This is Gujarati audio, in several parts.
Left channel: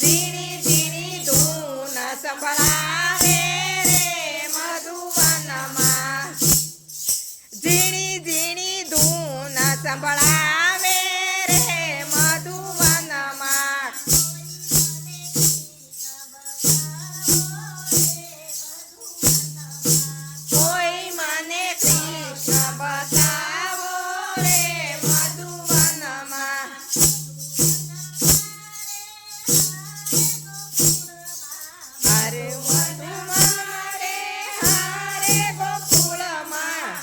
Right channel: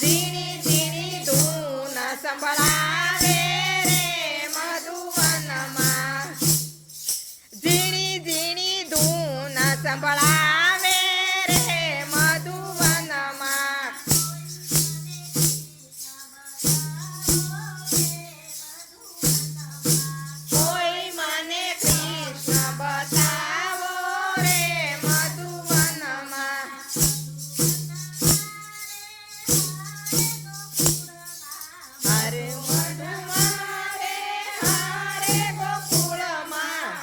ઝીણી ઝીણી ધૂન સંભળાવે રે મધુવનમાં ઝીણી ઝીણી ધૂન સંભળાવે રે મધુવનમાં કોઈ મને કૃષ્ણ બતાવો રે મધુવનમાં હરે મધુવનમાં રે હરે ગોકુળમાં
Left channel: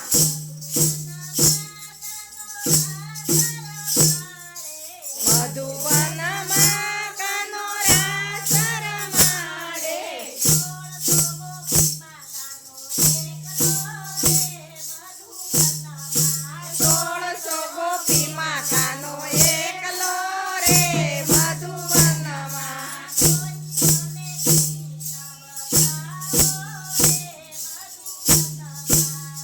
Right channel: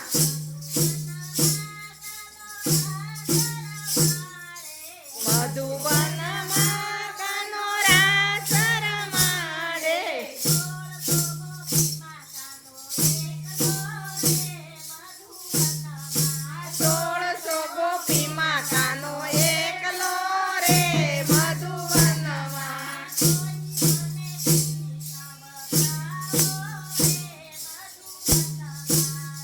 મધુવનમાં કાનો રાસ રમાડે સોળસો ગોપીમાં કાનો એકલો રે મધુવનમાં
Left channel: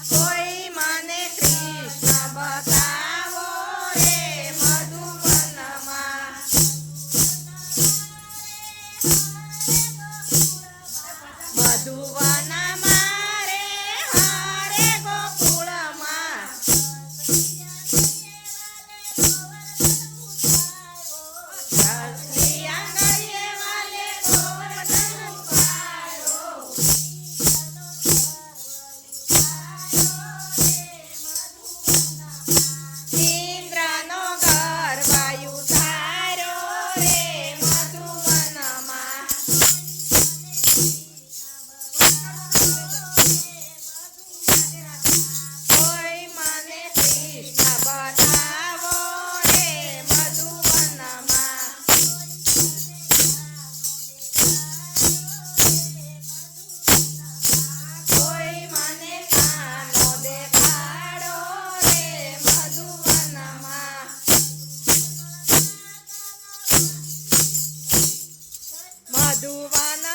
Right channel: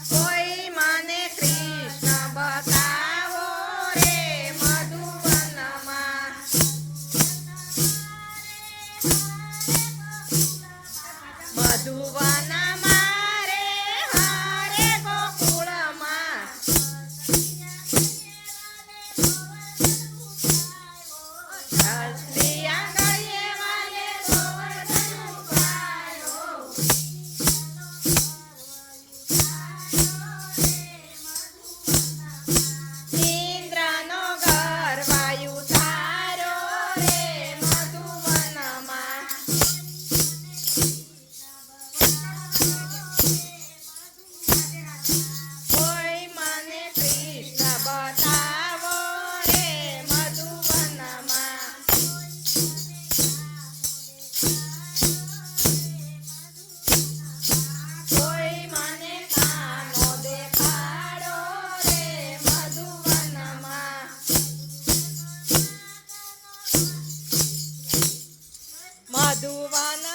કોઈ મને કૃષ્ણ બતાવો રે મધુવનમાં મધુવનમાં રે હરે ગોકુળમાં હસતી આંગળીએ વાલે ગોવર્ધન ઉપાડો ઇન્દ્રનો ગર્વાયુ તાર્યો રે મધુવનમાં કોઈ મને કૃષ્ણ બતાવો રે મધુવનમાં કોઈ મને કાનો દેખાડો રે મધુવનમાં મધુવન